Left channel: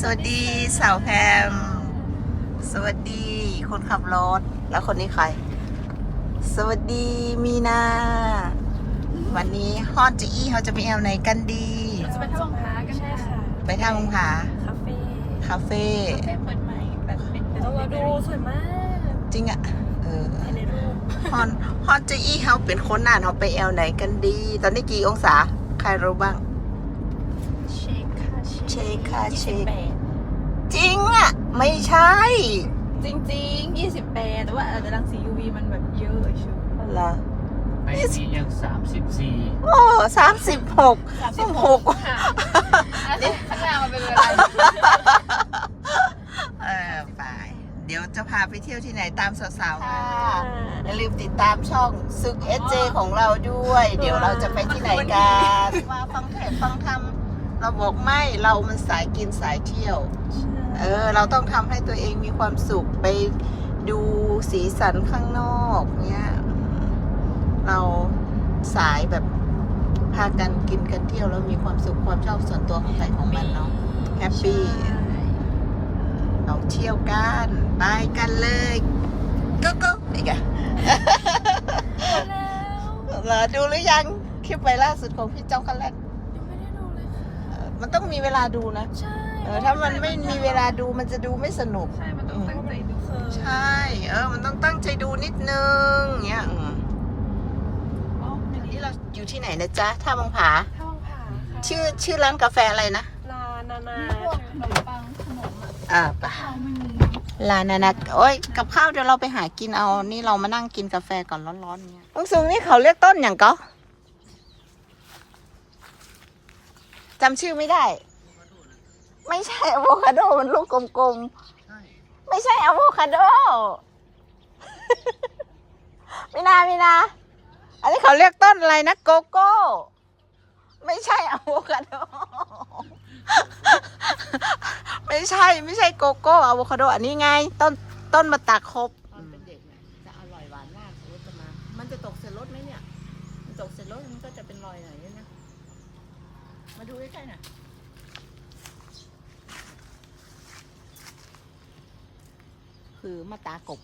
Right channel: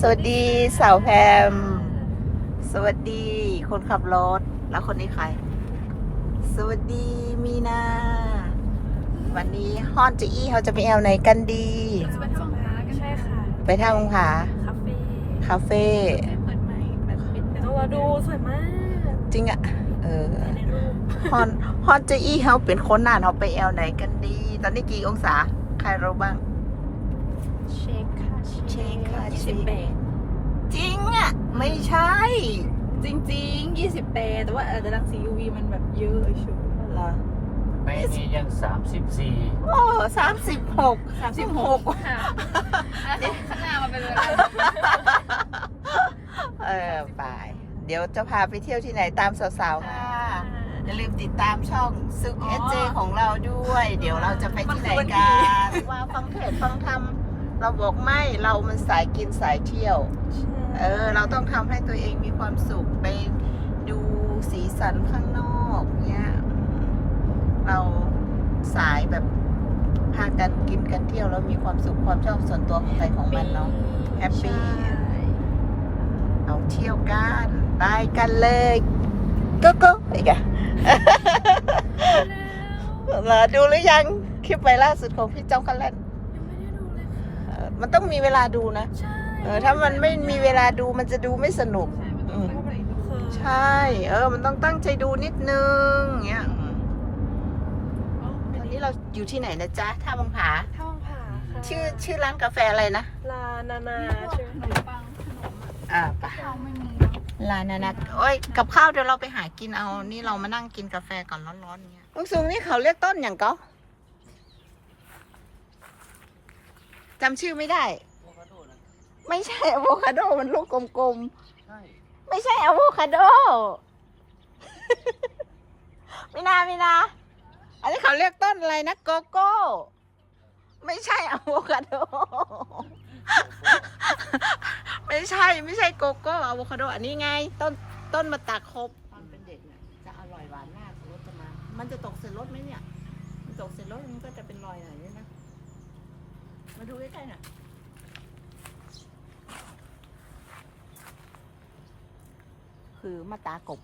ทุกคนสวัสดีสาวแพม สวัสดีคนขับรถ แล้วคนนี้ใคร สวัสดีมีนา วันนี้ฮอนจะอี้เขาจะไปแอลไหนกันดี จะเป็นห้องพักใช่ค่ะ ไปทางผาคาเฟ่คาเฟ่คาเฟ่เปิดใหม่แบบเป็นต้องรอดูสวยมาก จริงอะเออในรูปฮอนฮอนจะอี้เขาเป็นคนน่านเขาไปแอลไหนกันดี ตอนนี้กี่องศา ใครรู้บ้างเชคค่ะเช คค่ะเชคยี่สิบแปดจริงอะไม่ใช่ จริงๆยี่สิบแปดแต่ว่าอาจจะรังสี UV มันแบบเยอะไอ้ชูเหรอไปนี่ยังสามสิบสี่โอ้สามสิบหกสามสิบหกค่ะข้างหน้ามันเป็นเวลาเออไปเดี๋ยวจะพาไปเที่ยวที่ไหนตามสาวๆค่ะอย่าลืมติดตามช่องซึกเอเจของเราด้วย เดี๋ยวเราจะไปที่ไหนกันว่าฟังเทศฟังธรรม เราบอกไม่เรามันสายกินสายเที่ยว เออ เราต้องทำให้ตัวเองมีความสุขไปดูสีสันข้างนอกเนี่ยเราสายแบบพากันกินกันเที่ยวแล้วมีความสุขความชอบส่วนตัวของใครของมันเนาะแฮปปี้เราเที่ยวกันไปกันเลยก็ก็ไปไงแล้วมาดูหรือยังคลิปไปล่าสุดของพี่เจ้าคันแลน ยังไม่ได้ดูเลยค่ะ มันต้องมีเวลาดูนะใช่เออถ้ามันไม่มีเวลาดูมันจะดูไม่สนุก ใช่ มันต้องตั้งใจดูค่ะใช่ เออ มันต้องตั้งใจดูนิดนึงเงี้ยอืมอ๋อวันนี้เราอยู่ที่ไหนนะจ๊ะท่าบางผาห้องผ่าค่ะชื่อชื่อร้านกาแฟอะไรนะลานานาพวกขนมปังขนมอ่าเราไม่มีลานานะโอ้ยกับข้าวเดี๋ยวเราไปหากินเอา นี่เรามานั่งกินกาแฟก่อนร้อนๆเงี้ยองซุงนี่เขาเรียกต้นอย่างก็ จำชื่อไม่ได้ไม่ใช่อะโวคาโดมันลูกกลมๆไม่ใช่อะโวคาโด ไม่นาไม่นาอันนี้เขาเรียกต้นอะไรนะโกโก้ ไม่ใช่อะโวคาโด ไม่ใช่ไม่ใช่โกโก้อะโวคาโด อันนี้ไง ต้นต้นมะตาครบ ตอนเป็นเด็กเนี่ยจะอร่อยหวานมากรสจะมา มันจะตกเสร็จรสไหมเนี่ย มันตกเสร็จรสมันก็จะเป็นรอยหน่อยนี่นะ มาดูใกล้ๆหน่อยคือมะตากบ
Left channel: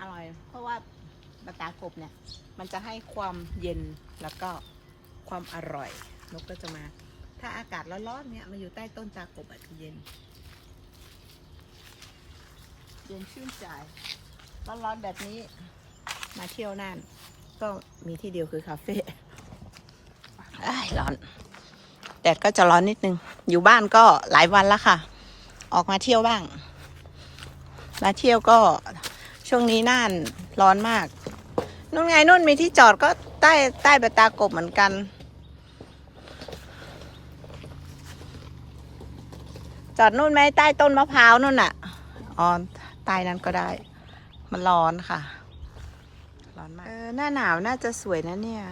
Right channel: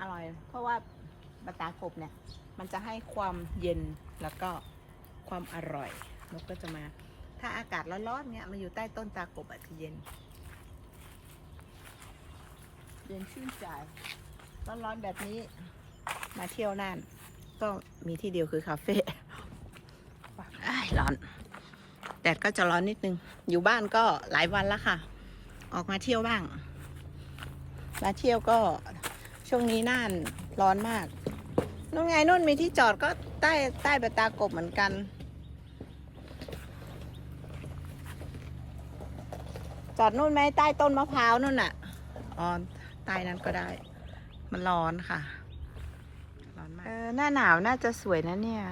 อร่อย เพราะว่ามะตากบเนี่ย มันจะให้ความเย็นแล้วก็ความอร่อย นกก็จะมา ถ้าอากาศร้อนๆเนี่ยมาอยู่ใต้ต้นตากบอาจจะเย็น เย็นชื่นใจ ร้อนๆแบบนี้ มาเที่ยวน่าน ก็มีที่เดียวคือคาเฟ่อ้าย ร้อน แดดก็จะร้อนนิดนึง อยู่บ้านก็หลายวันแล้วค่ะ ออกมาเที่ยวบ้าง มาเที่ยวก็ช่วงนี้น่านร้อนมาก นู่นไงนู่นมีที่จอดก็ใต้ใต้ใบตากบเหมือนกันจอดนู่นไหมใต้ต้นมะพร้าวนู่นน่ะ อ๋อใต้นั้นก็ได้ มันร้อนค่ะ ร้อนมาก เออ หน้าหนาวน่าจะสวยนะเนี่ย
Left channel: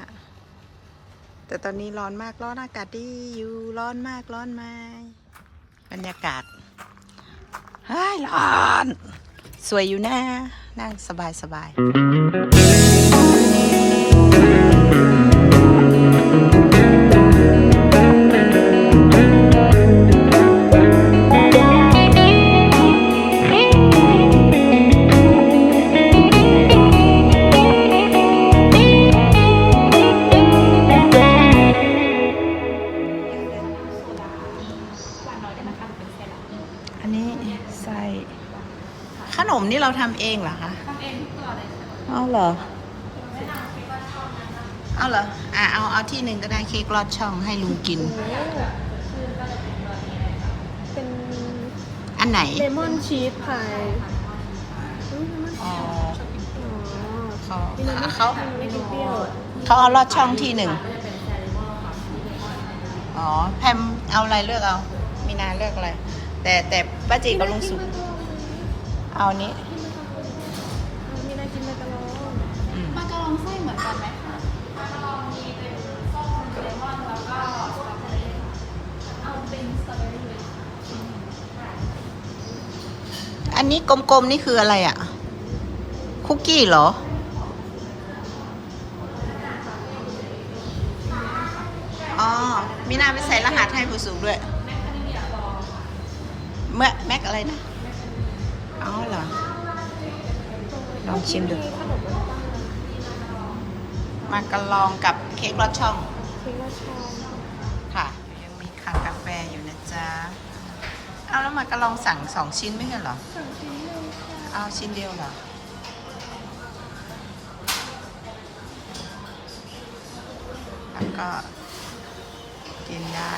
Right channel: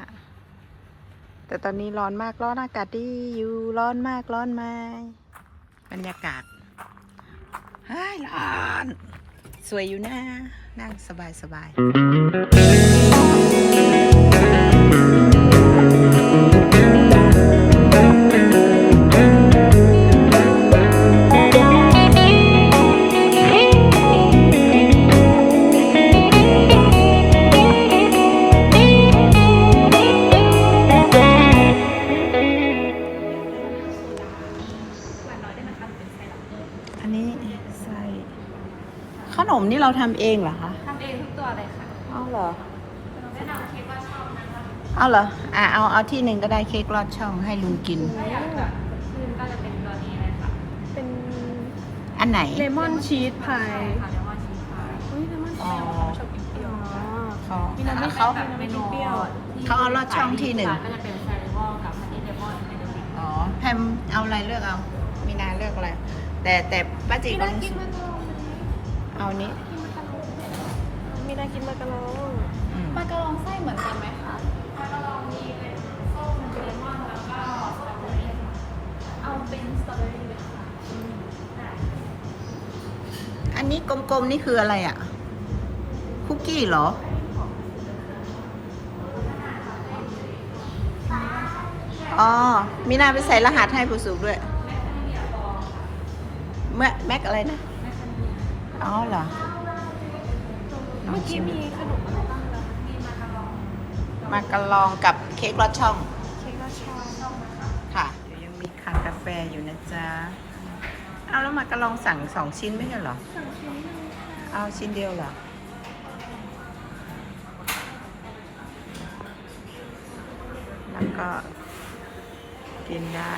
แต่ตอนนี้ร้อนมากร้อนอากาศดีอยู่ร้อนมากร้อนไหมบรรยากาศฮ้ยร้อน สวยอยู่นะนั่งสบายสบาย มนี่เราทำเองเหรอคะทำเองทุกตัวเลยค่ะเอาเหรอเอาเหรออะเอาเอาที่หนึ่งก็ได้เค้กลอดช่องให้ลุงกิน เป็นอันไหน เลมอนชีสพายอ๋อเขากินแล้วเขาไม่กินเปรี้ยวเขาเอาลอดช่องที่หนึ่งอ๋อแพมเอาอะไรเลือกเอา มีนาเลือกอะไร แต่แต่ป้าจีกับลุงสุก เอาอันนี้มีน่ากินมากกันอืมปากระลองไส้เหมือนกันไหมคะปากระลองมีเป็นส้มเลมอนแล้วก็เอาเป็นสตรอเบอรี่อันนี้กลมๆนี่คืออะไรอะ คุกกี้เหรออ๋อมีน้าไปใส่รหัสให้ผู้สูงด้วยเมื่อแมกอะไรนะ อ๋อเหรอ ลองชิมดูมีขนมปังมากระลองกับเค้กรสช่องคือราชาค่ะเดี๋ยวยังมีคากาแฟอยู่นะจ๊ะ เอาแล้วมากระลองสั่งสองชิ้นไม่ใช่เหรอ สั่งชิ้นหนึ่งค่ะเอาชิ้นเดียวเหรอแล้วก็กินได้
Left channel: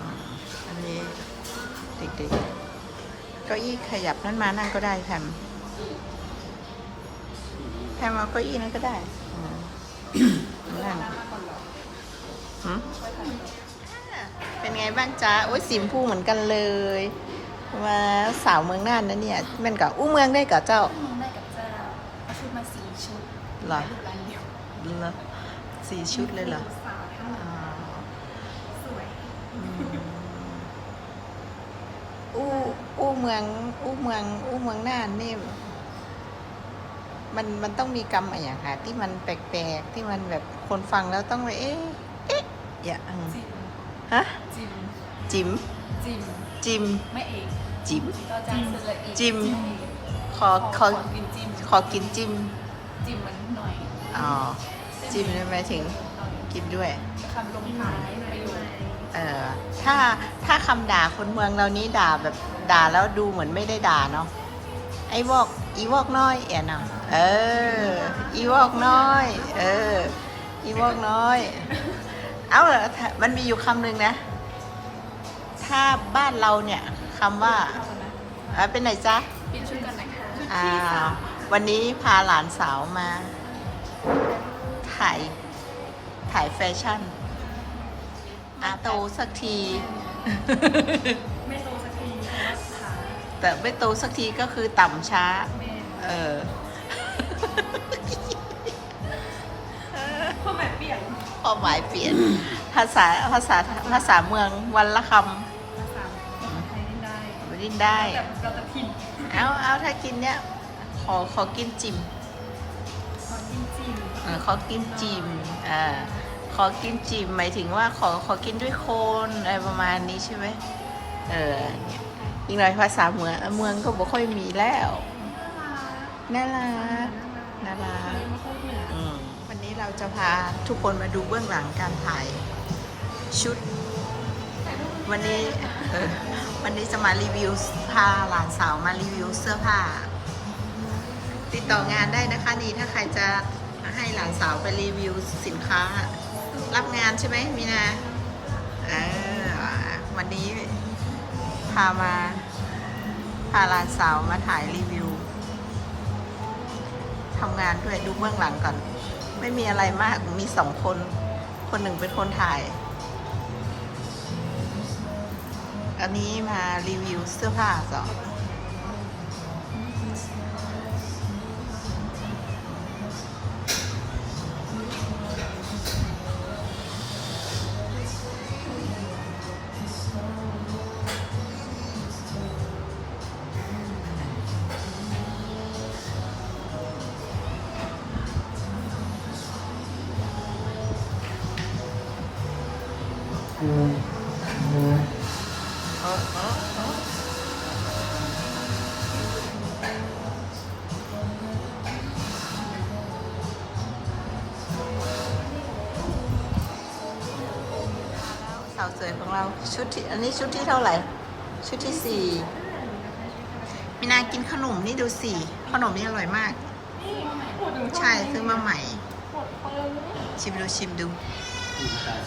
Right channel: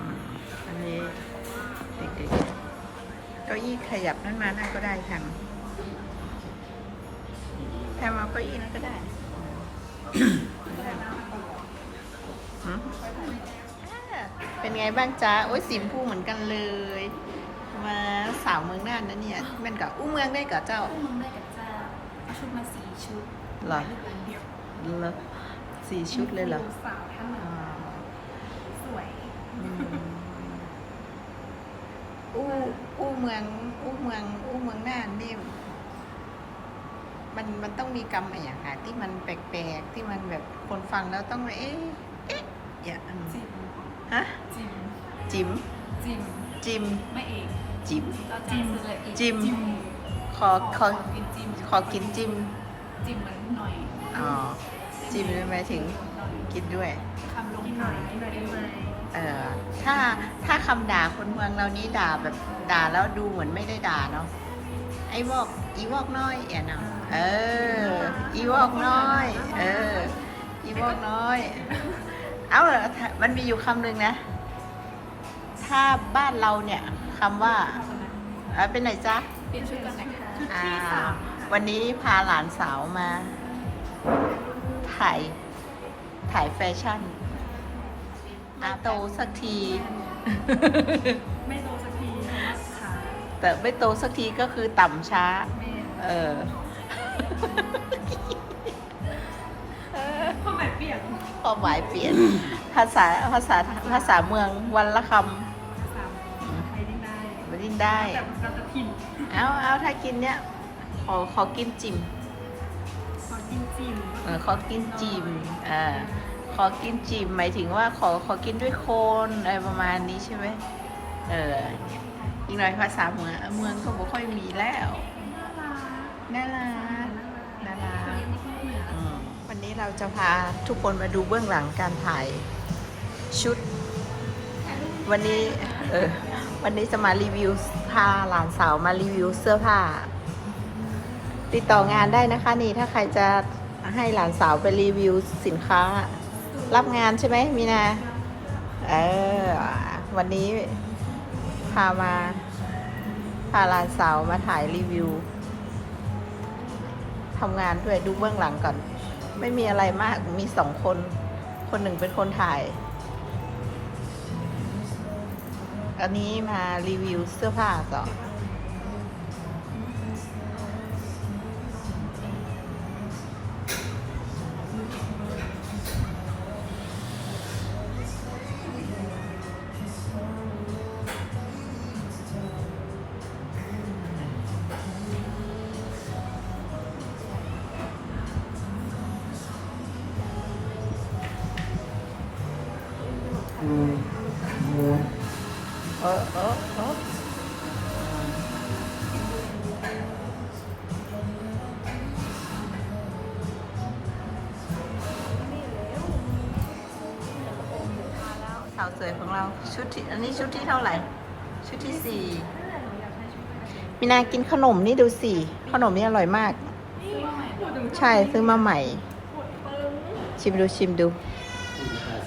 อืมอันนี้ดึกๆ เก้าอี้ขยับนั่นมานั่นก็ได้แพมแพมเอาเก้าอี้นั้นก็ได้อืมนั่นหืมอ่าเป็นไงบ้างจ๊ะ โอ้ยสีชมพูเหมือนกันเลยมาสาวเมืองน่านนะเนี่ยแมันกับอู้เมืองได้กับเจ้ามึงได้กับเจ้าเอาชุดมาสี่ชุดเหรอร้านเดียวเหรอสี่ชุดเลยเหรอสาวทั้งหมอ๋อ ดสวย อืม อู้อู้เมือง อู้เมือง อู้เมืองน่านนี่ มันมันต้องมีกรรมอะไรอย่างค่ะ ที่มันแปลกๆ ที่มันแบบคนฟังแล้วต้องไปเอ๊ะเอ๊ะอย่าอืมจิมฮะจิมจิมจิมจิมไม่เองจิมเราจะซื้อละเอียดจิมขอขอกินจิมขอกินจิมจิมมันหน่อยอ๋อจิมหมายถึงกินด้วยคำลงหน่อย เออถ้าถ้าคำด่าคนเมืองเรานี้ด่าแบบด่าแล้วดูเหมือนไม่ได้ด่าเนาะไอ้วอกอีวอกน้อยเอ๋นะเออ อีวอกน้อย เออ อีวอกน้อย เอาเหรอถ้ามันมีอยู่คำหนึ่งนะ ถ้าบ้านเราเนี่ยคำว่าเเป็นไหนจ๊ะเปลี่ยนชุดกันนะคะอ่าวันนี้พาหลานสาวมา ถ่าย ถ่ายแฟชั่น อาโตสักที ไม่โตสักทีเพราะว่าขาแต่ไม่โตสักทีก็คือต่ำช้า แม่เออ ความหมายเปลี่ยนความหมายเปลี่ยน ภาษาภาษาภาษาเมืองวันละคภาษาไทยได้ได้ำไม่ดิ้นได้ แต่เราจะถิ่นเอาเอาถ้ากินเนี้ยขอขอกินจิมขอกินจิมเออขอกินจิมอ่าข อกินจิมหมายถึงว่าขอขอกินด้วยโคนอะไรประมาณนี้ใช่ไหมเออเนี่ยอีกหน่อยภาษาเมืองเมืองก็บ่ค่อยมีแล้วน่ารักน่ารักน่ารักเคยมาพูดเหนืออืมวันนี้เราจะพาทุกคนมาดูเบื้องหลังการถ่ายชุด วันนี้เออวันนี้จะมารีวิวพาหลานสาวมารีวิวเสื้อผ้า ติดต่องานได้นะคะนี่ถ้าใครจะให้หลานสาวไปรีวิวสินค้า รับงานใช่ไหมมีนา เออ วันนี้พามา พาหลานสาวมาถ่ายรีวิวทำงานด้วยดูเบื้องหลังก่อน ไม่มีอะไรมากมีสองคน คนหนึ่งเป็นคนถ่าย อันนี้มารีวิวเสื้อผ้าสอน สาวสวยของเราชุดที่อันนี้ชุดที่เท่าไหร่ ชุดที่สี่มีนากินขนมนี่ดูสิขนมนี่อร่อยมาก ใช่ซื้อมาใหม่ ชิมดูชิมดู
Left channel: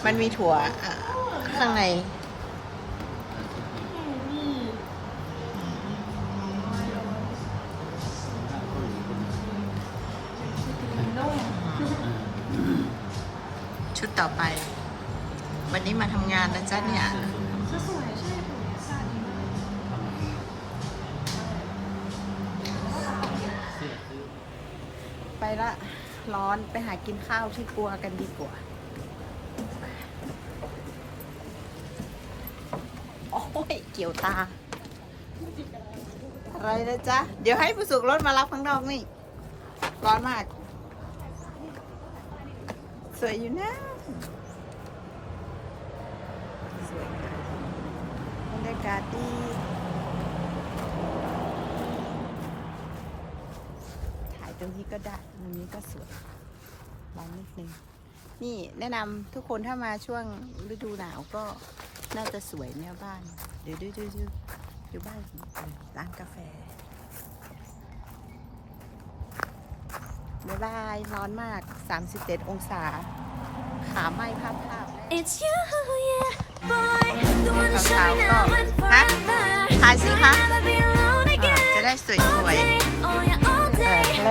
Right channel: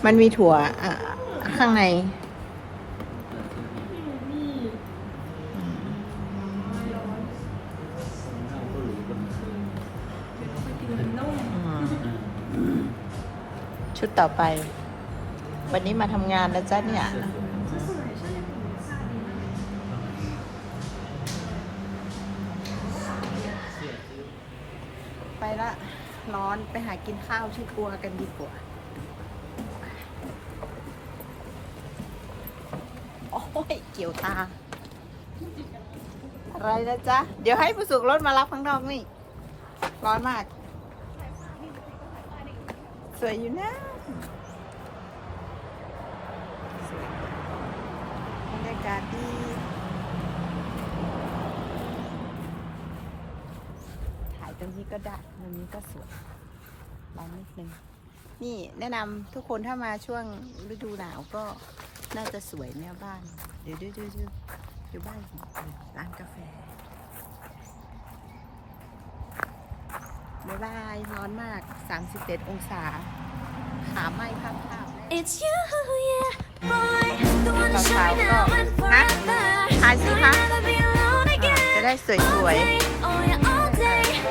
มันมีถั่วข้างในชุดต่อไป วันนี้มาทำงานนะจ๊ะเนี่ย ไปละ ร้อนไปหากินข้าวที่ครัวกันดีกว่า โอ้ย เกี่ยวตา อะไรนะจ๊ะ เดี๋ยวให้ผู้สุกรถมารับข้างนอกนี่ ร้อนมาก สวยอยู่นะ รยากาศดี ถ่าย ตรงนี้ก็ได้ตรงนี้ก็สวยร้อนนิดนึงนี่แนะนำทุกคนถ้ามาช่วงฤดูหนาวก็น่าจะสวยเนี่ยบ้านเดี๋ยวดูดูดูดูบ้านของเออร้านกาแฟบ๊ายบายร้อนมาก 37 องศา ขาไหม้ภาพภาพแล้ว It's you, yeah, boy. The one to show me Sao now sao? and Hả? forever. Hai xí You'll hả? never be alone อ่า again. จะได้สวย All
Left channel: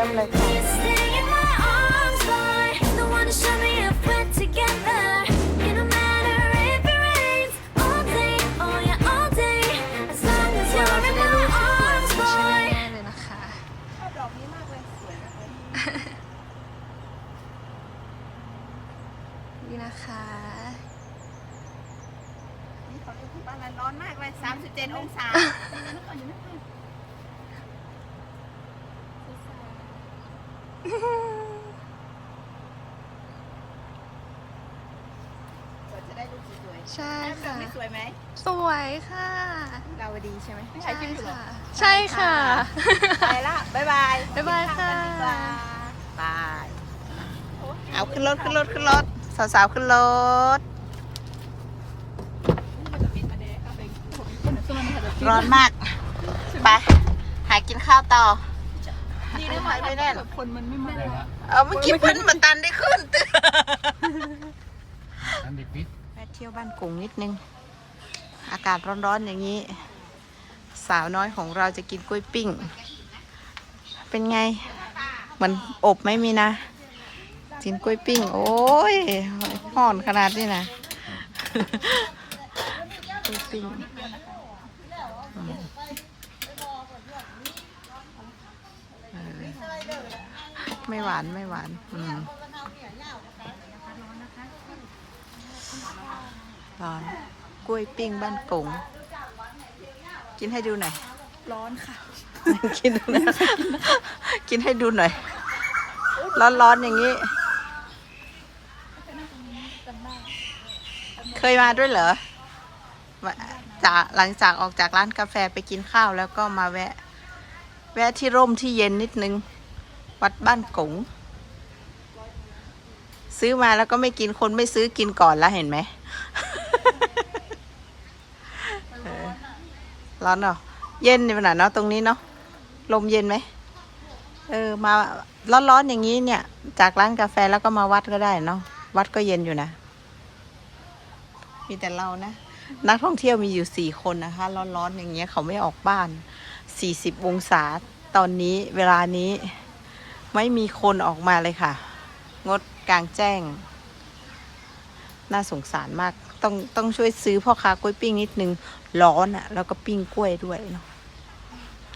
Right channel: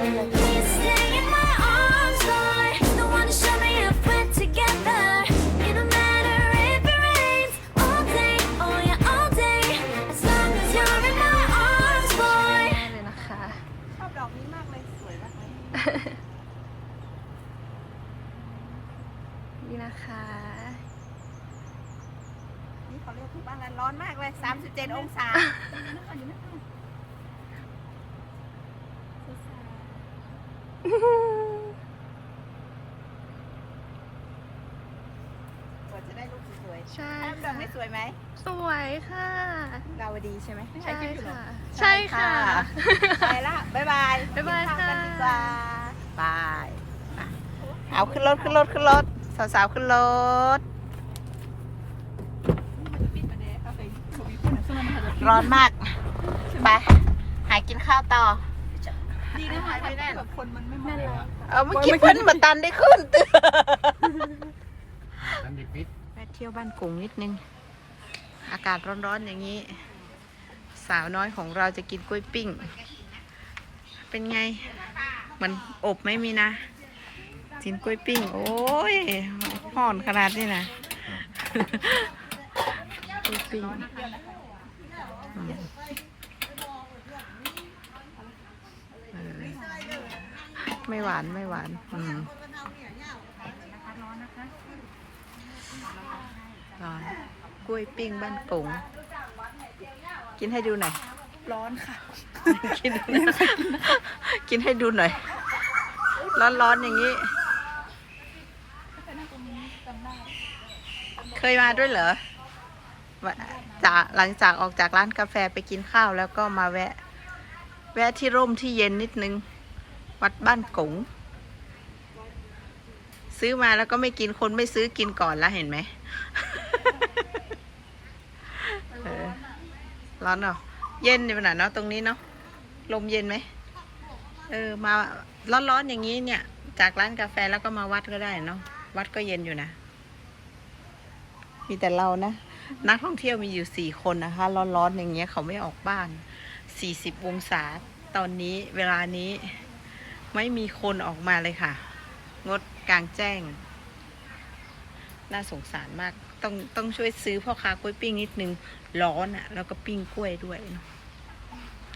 ได้เลย Please stay in my arms, boy. The one to show me if we're together. It don't matter if it rains. All day, oh yeah, all day. As long as you're in my arms, boy. มากเลยนะคะชอบดอกนี้มากเลย สวยมากเลย นี่นะคะ นี่เขาเรียกที่บ้านอะไรร้อนมากเลย37 องศา กว่าจะได้รูปสวย ใช่ๆแอมดอค่ะกนี่สวยไหม สวยค่ะดาวดีใช่ไหมใช่ค่ะ ใช่ค่ะ ไปละบ๊ายบายบ๊ายบายกินข้วกันค่ะดีกว่าบายเอาขึ้นรถขึ้นรถขึ้นรถสาวๆขึ้นรถ ร้อนมาก ไป หากินข้าวต่อดีด้วยค่ะไม่ได้หรอกได้ละเอาเมื่อกี้เพิ่นมาตันได้ขึ้นตื่นนั่นดิปิดแวะเที่ยวบ้านกุงนิดนึง อากาศร้อนๆอย่างนี้ สาวน้อยของเราจะกินกล้วยปิ้ง เป็นไง เหมือนอบไม่มีนะ กินกล้วยปิ้ง โอ้ยห่อนขนาดนี้นะกล้วยปิ้งไม่หวานไม่หวาน อืม ร้อนกล้วยปิ้งบ้านกงกินให้ดูหน่อย ร้อนค่ะ กินนะกินให้ดูหน่อย ร้อนๆอย่างนี้ เคยมาด้วยเหรอว่าจากหลังจากออกจากร้านกาแฟไปกินข้าวแล้วก็มาแวะ แวะที่ร่มที่เย็นนิดนึง วัดบ้านกง ซื้อมาแล้วก็ไม่กินคนไม่ซื้อกินก่อนแล้วเห็นไหมเออร้อนเหรอเย็นขนาดเนาะตรงนี้เนาะลมเย็นไหมเออมาร้อนๆอย่างนี้เนี่ย จากร้านกาแฟแล้วก็มาวัดก็ได้เนาะวัดก็เย็นอยู่นะ มีแต่เรานะนักท่องเที่ยวมีอยู่สี่คนนะคะ ร้อนๆอย่างเงี้ยเขาไม่ออกบ้านสี่สิบองศาตอนนี้เวลานี้ไม่มีคนออกมาเลยค่ะ งด กลางแจ้ง น่าสงสารมาก ต้องต้องช่วยซื้อพ่อค้ากล้วยปิ้งนิดนึง ร้อนอะ่ะ แล้วก็ปิ้งกล้วยด้วยเนาะ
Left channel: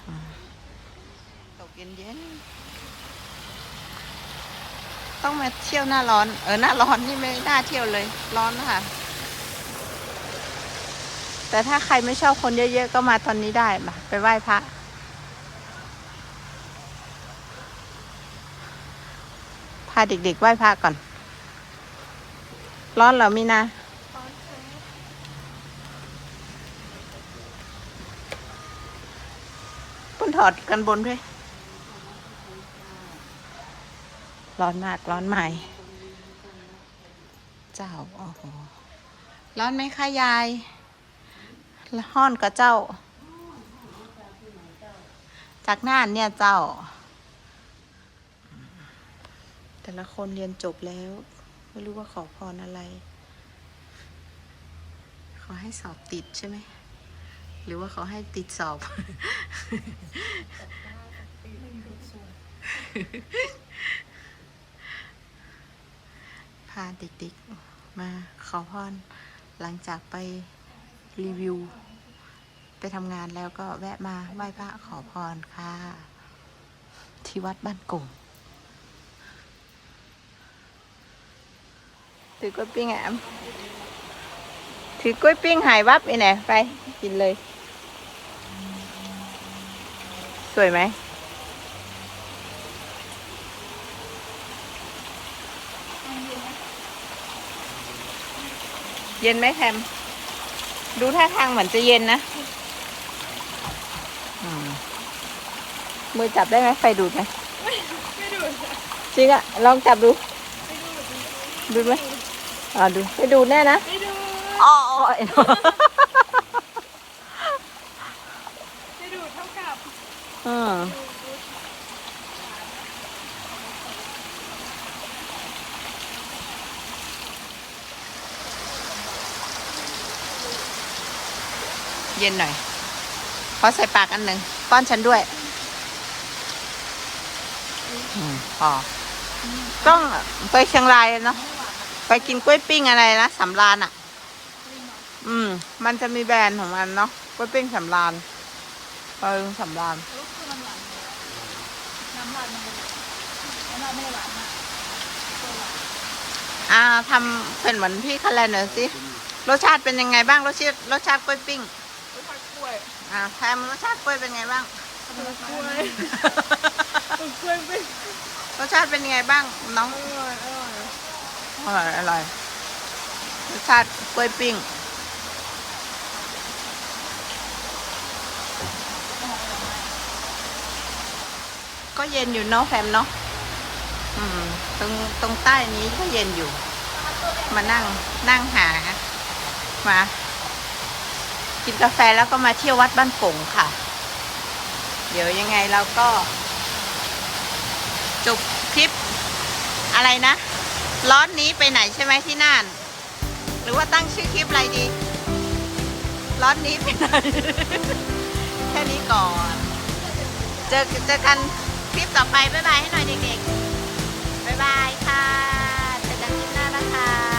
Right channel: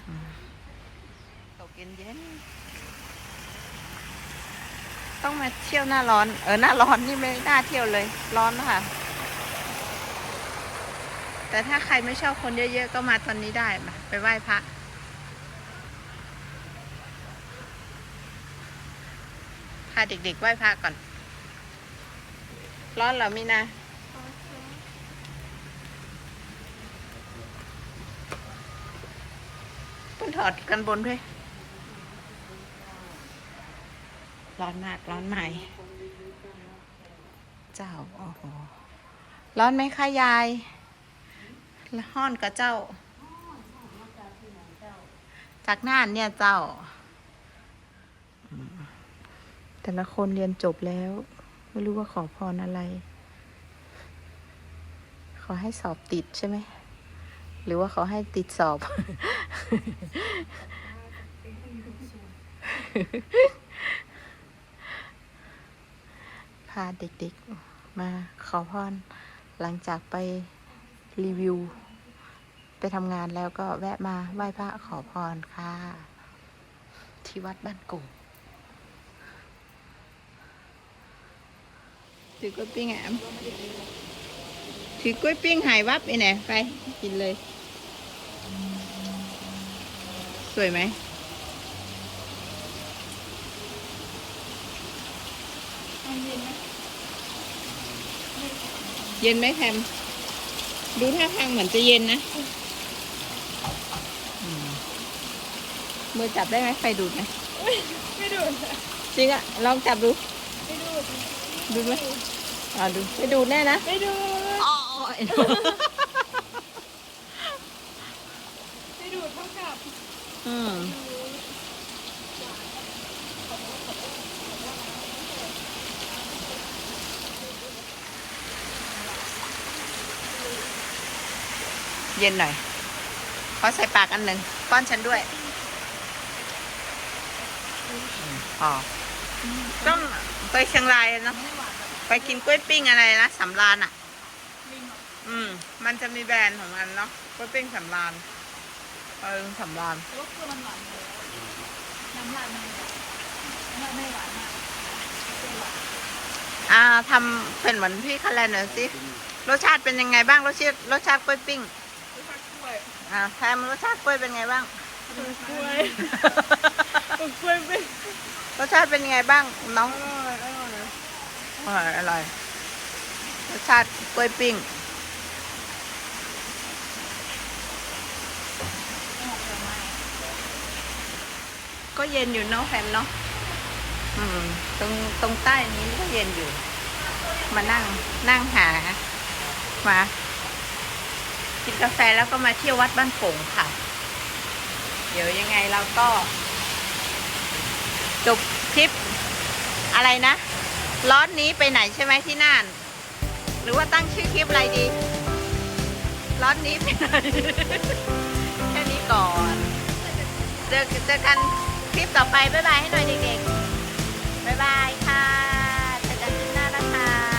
อืมตกเย็นๆต้องมาเที่ยวหน้าร้อน เออ หน้าร้อนนี่ไม่น่าเที่ยวเลย ร้อนนะคะแต่ถ้าใครไม่ชอบคนเยอะๆ ก็มาตอนนี้ได้มาไปไหว้พระาเด็กๆไหว้พระก่อน ร้อนเหรอมีนาต้นถอดกันบนด้วยร้อนมากร้อนใหม่ เจ้าโอ้โหร้อนไหมคะยายห้อนกับเจ้า จากน่านเนี่ยเจ้า แต่ละคนเรียนจบแล้ว ไม่รู้ว่าขอพรอะไร ขอให้สอบติดใช่ไหม หรือว่าขอให้ติดสอบ พาเด็กๆมาขอพรหลังจากไปรีวิว ไปทำงานแล้วก็แวะมาไหว้พระขอพรค่ะ ที่วัดบ้านกง ถือกล้วยปิ้งแอมถือกล้วยปิ้งหายวับไปไหนไปกินเลย สวยไหมเย็นไหมแทมดูท่าทางเหมือนจะเย็นนะอืมมือจับได้ไหมไฟดูดไหมไม่ดูดจริงอะลองจับดู ดูไหม อ่าดูไม่ดูแน่นะไม่ดูอ๋อไม่ดูดเท่ากับอืมเย็นหน่อย ขอใส่ปากอันหนึ่งป้อนฉันด้วยอืมพอต้องไปเชียงรายเนาะ ไปกินกล้วยปิ้งอะไรนะสำรานอะ อืม มันจะมีแบรนด์ของมันเนาะกล้วยปิ้งสำรานเออสำรานแต่ว่าคือมันหวานเยอะน้ำลายมันเลยแบบน้ำลายไม่ได้หวานมากตัวหวานอ่าทำเป็นเหมือนพี่คะแนนหน่อยสิรสชาติเป็นยังไงบ้างรสชาติรสชาติกล้วยปิ้งรสชาติกล้วยอ่าแทมรสชาติกล้วยเป็นไงบ้างกล้วยกล้วยเป็นรสชาติเป็นยังไงบ้างน้องอร่อย อร่อยอร่อยอร่อยรสชาติกล้วยปิ้งก็เย็นอยู่เนาะแฟมเนาะอืม ตรงตรงใต้นี้ก็เย็นอยู่ มานั่งนั่งหา มา กินกาแฟแล้วก็มาเที่ยววัดบ้านโป่งค่ะ เดี๋ยวยังไงเราก็ จบคลิปอะไรนะ ร้อนนี้ไปไหนใช่ไหมที่น่าน หรือว่าตั้งชื่อคลิปอะไรดี ร้อนนี้ไปไหน แค่นี้ก่อน เจอเจอกันคลิปต่อไป บ๊ายบายให้หน่อยเด็กๆ บ๊ายบายค่ะ เจอกันที่หน้านะคะ